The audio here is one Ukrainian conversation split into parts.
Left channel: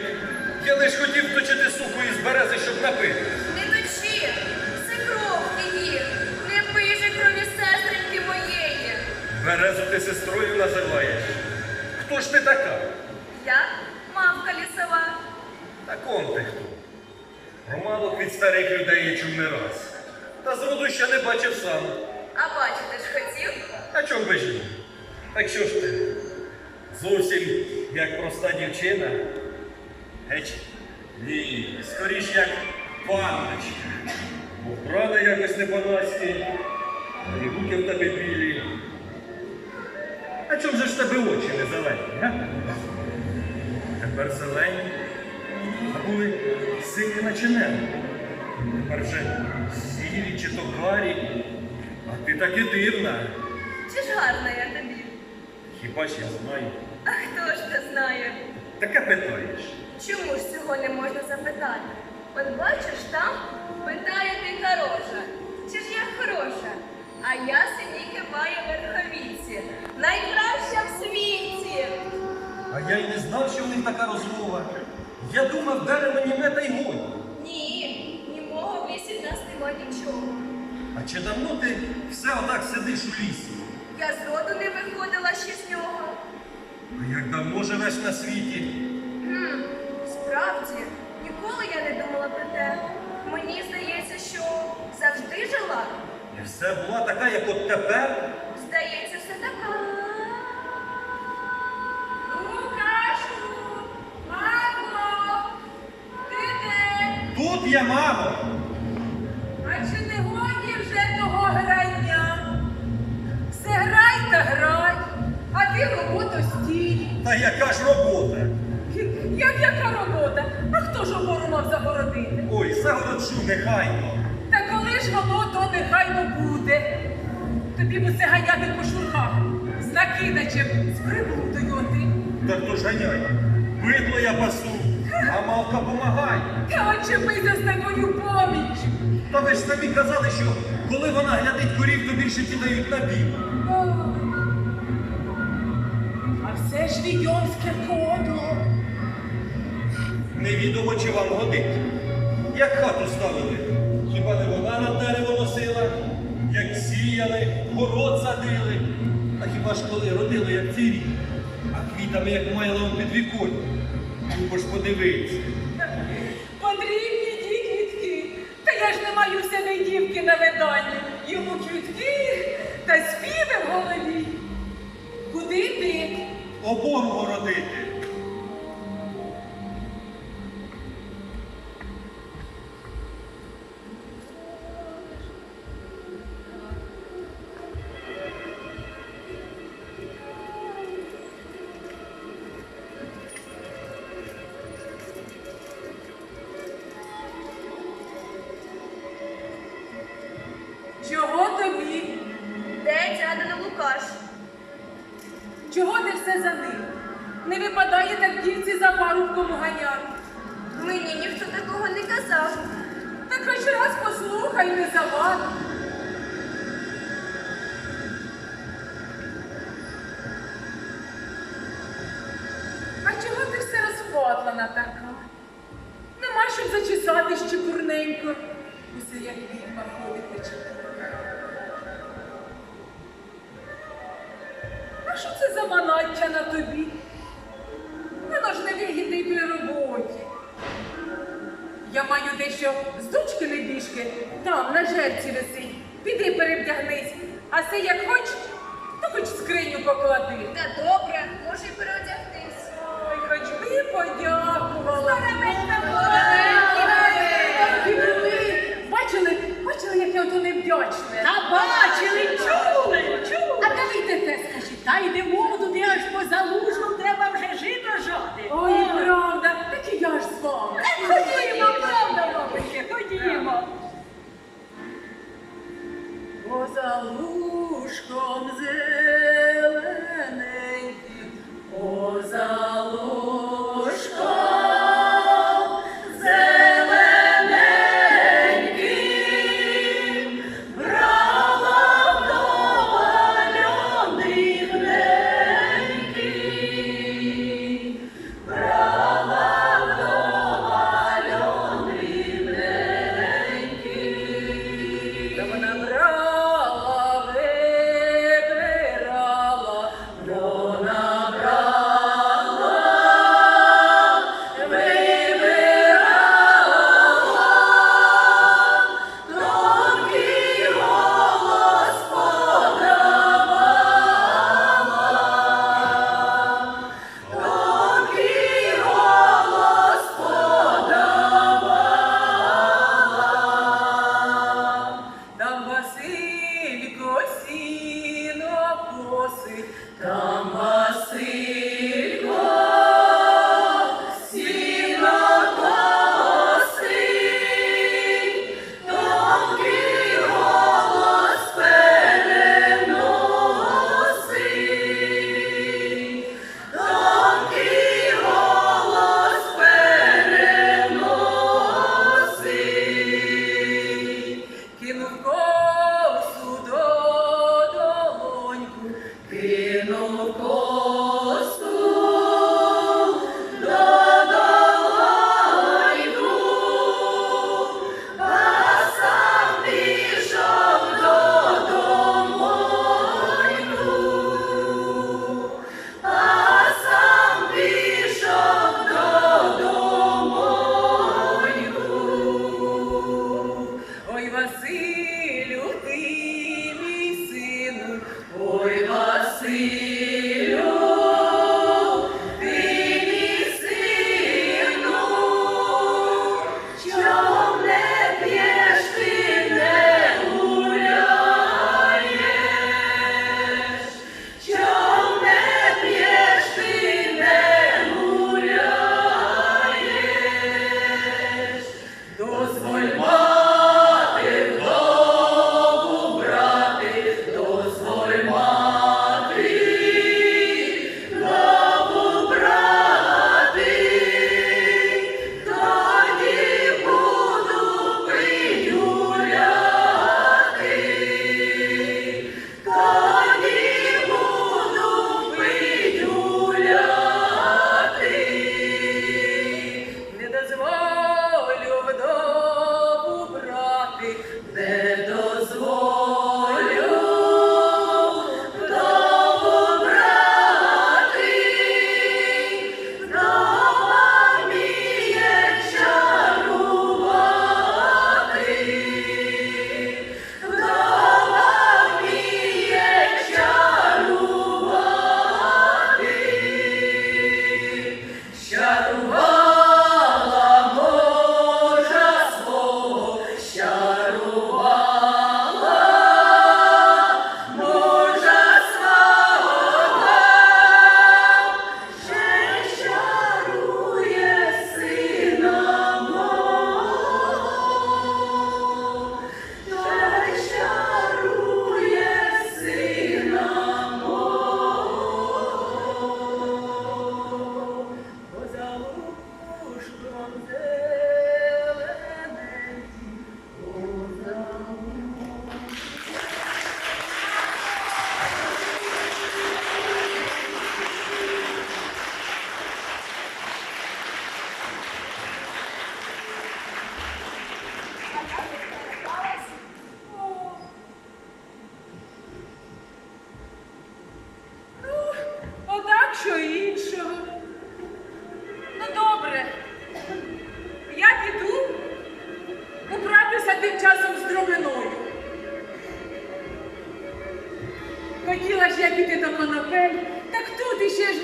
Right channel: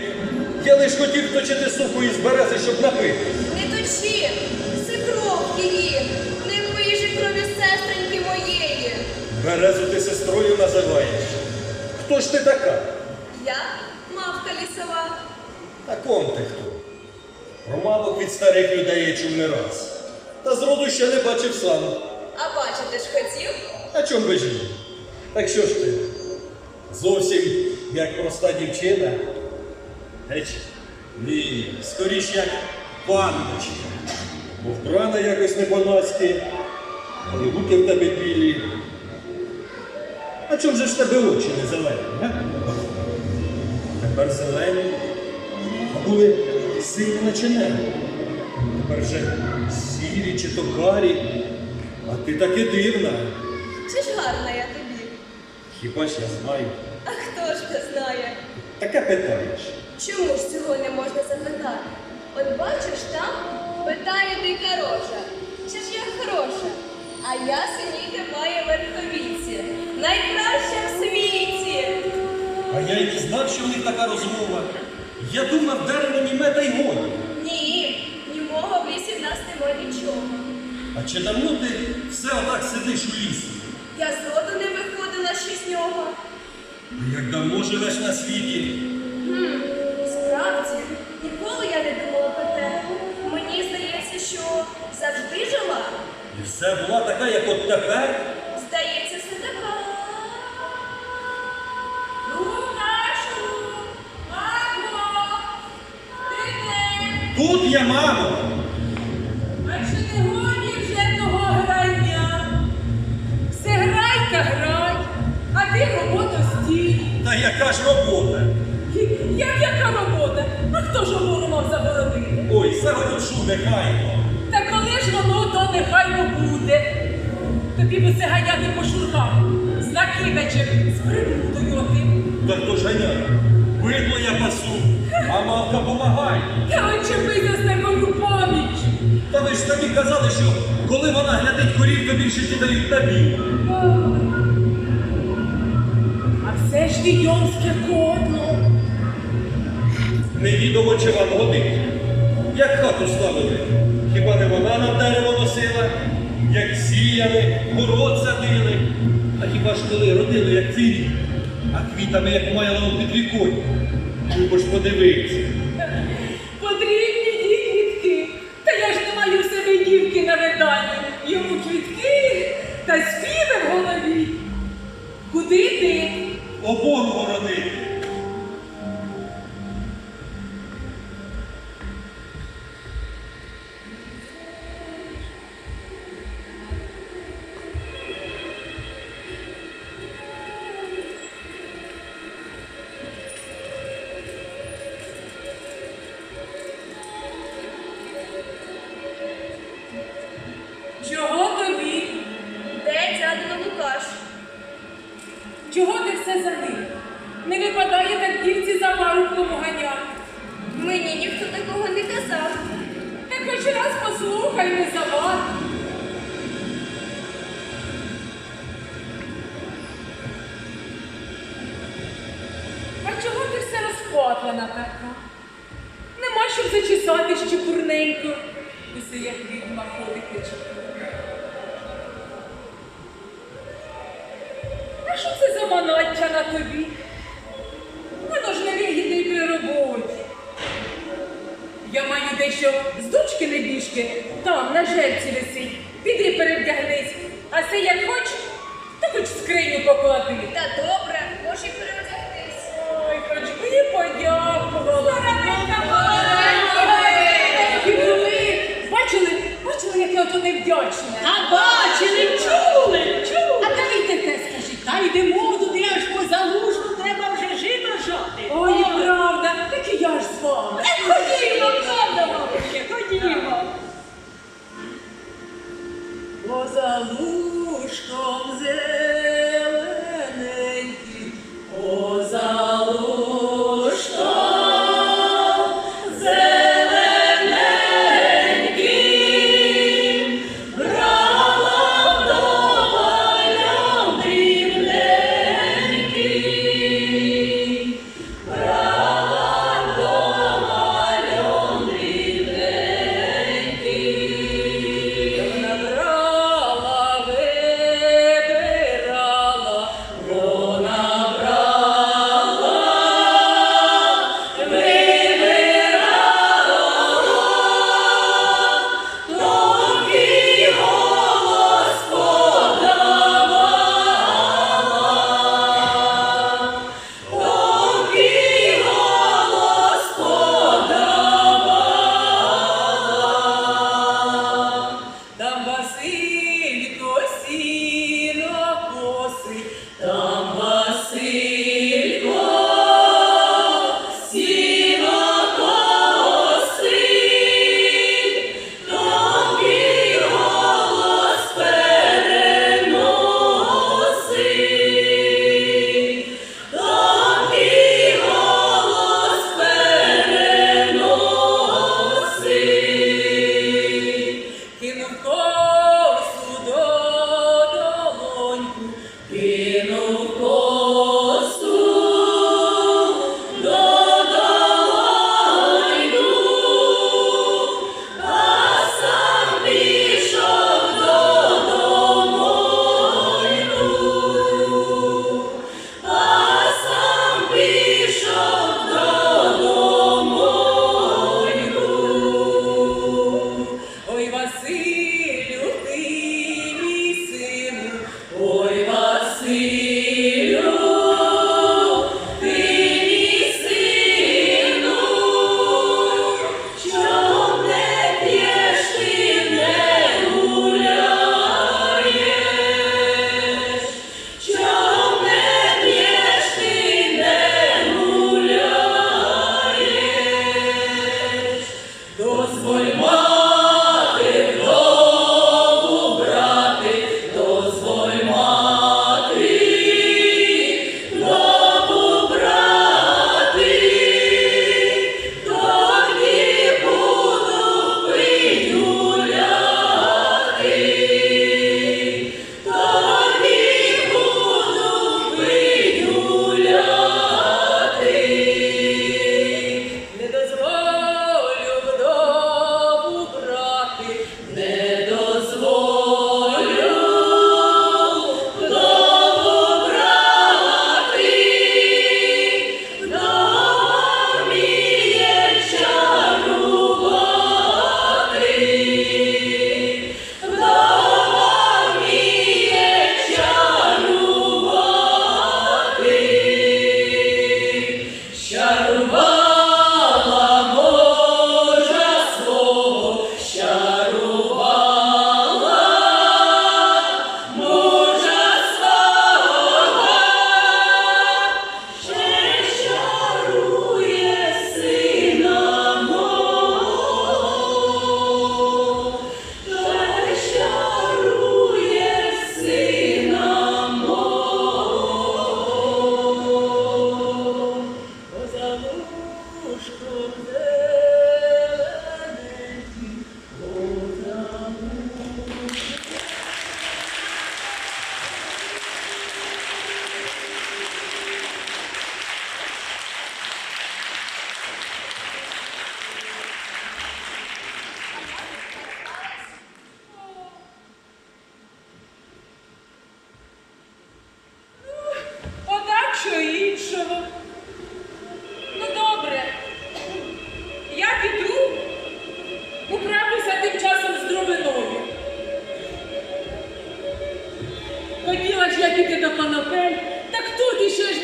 чоловік. Я лиш хотів точити суку із берези, щоб напити. Не точи, це кров її, не пий же крові сестреньки моєї. Березу ти сестрою називаєш. Хто ж ти така? Я мавка лісова. А ком ти хто? Про мавок від старих людей я чув не раз. Та зроду ще не бачив сам. А бачити ж хотів? А чом би ж ні? Так що ж ти? Зовсім як проста дівчина? Геть? Ні, скоріш як панночка. Бо вбрана якось не по-наськи, а і руки в тебе білі. А чом же ж тебе очі не зелені, а? Тепер зелені, а були сині наче небо. Тепер же сірі чи то карі, а ти таки дивна. Чи ж гарна я тобі? Хіба ж я знаю? А хто ж те знає? Таке питаєш. Чому ж цього не можна запитати? От бачиш там, питає дика рожа. Чи ж я хороша? А я синіки маю верховіці. Найкраща в світі. А я й не знав, що в них така розмова. Я думав, дерево німе та й годі. Ні, німого в лісі в нас нема нічого. А чи давно ти все отак сидиш у лісі? Я зроду не виходила ще з нього. А як давно живеш на світі? Хм, справді, ніколи я не думала про те. Мені здається, що завжди жила. І все була така, як от тепер? Здається, все така. Лукашу, мамо, ти де? Тут я, мамо. А чи не годі вже того грання? Все грай та грай, а ти роботу стій. Та яка ж робота? Як яка робота? А хто ж опору мав загородити? Ой, загороджу, нехай. Та коли ж воно, то нехайно буде. Тобі би це ганяти по шурхам, з накидачем, з прибудою ти. Та хто ж ганяє? Бидло я пасу, а мавка помагай. Та очепися з такою поміч. Та ви ж самі казали, що коли вона глядить корів, то більше ті дають на бій. А все ж відьомське кодло. Невідомо чи вам годить. Як хату ставили? Хіба не вона нам дерево носила? Як сіяли, город садили? А хіба ж коли родили, як цей рік? А квітами, як майлом під віконь? Любо ж подивитися. Потрібні ті квітки. Та я ж не маю себе дівки на виданні. Йому квітки та співи в голові. Куди ти? Обору городити. Послухай, не завад. А чого ти все розпотлана така? Нема щоб зачесати щепурненько. Усе як відьма ходить тече. А що це за манаття на тобі? Маю дещо з дочки небіжки, там на жерці висить. Піди перевдягнись, а це як хоч, то хоч скриню поклади. Та добре, може й переодягтись. Ой, хоч би і подякувала. Бачили, бачили, яке ото невдячне. Та бачили, чули, чули. А давайте те скажіть, та йдемо туди аж по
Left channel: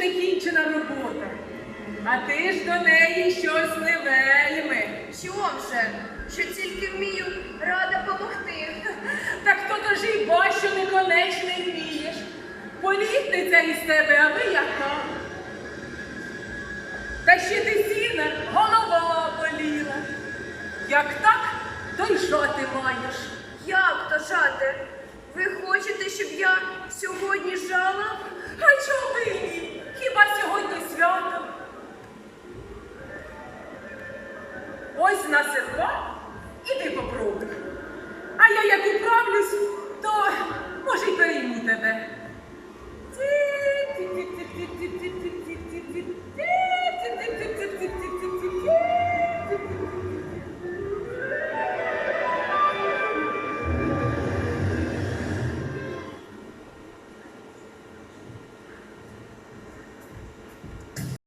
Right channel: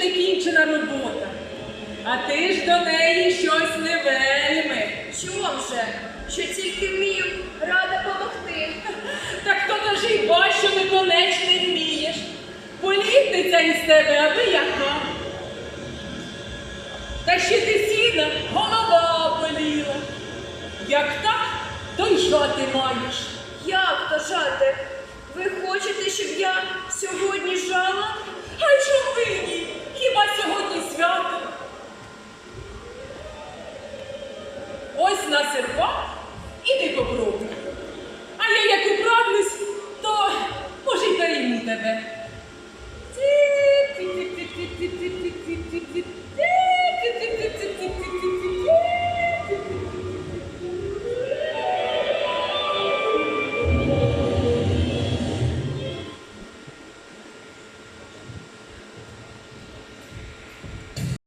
не кінчена робота. А ти ж до неї щось не вельми. Чом же? Що тільки вмію, рада помогти. Так то то ж і бо, що неконечне вмієш. Політниця із тебе, аби яка. Та ще ти сіна, голова боліла. Як так, то й жати маєш. Як то жати? Ви хочете, щоб я сьогодні жала? А чом ви ні? Хіба сьогодні свято? Ось на серпа, іди попробуй. А я як управлюсь, то може й перейму тебе.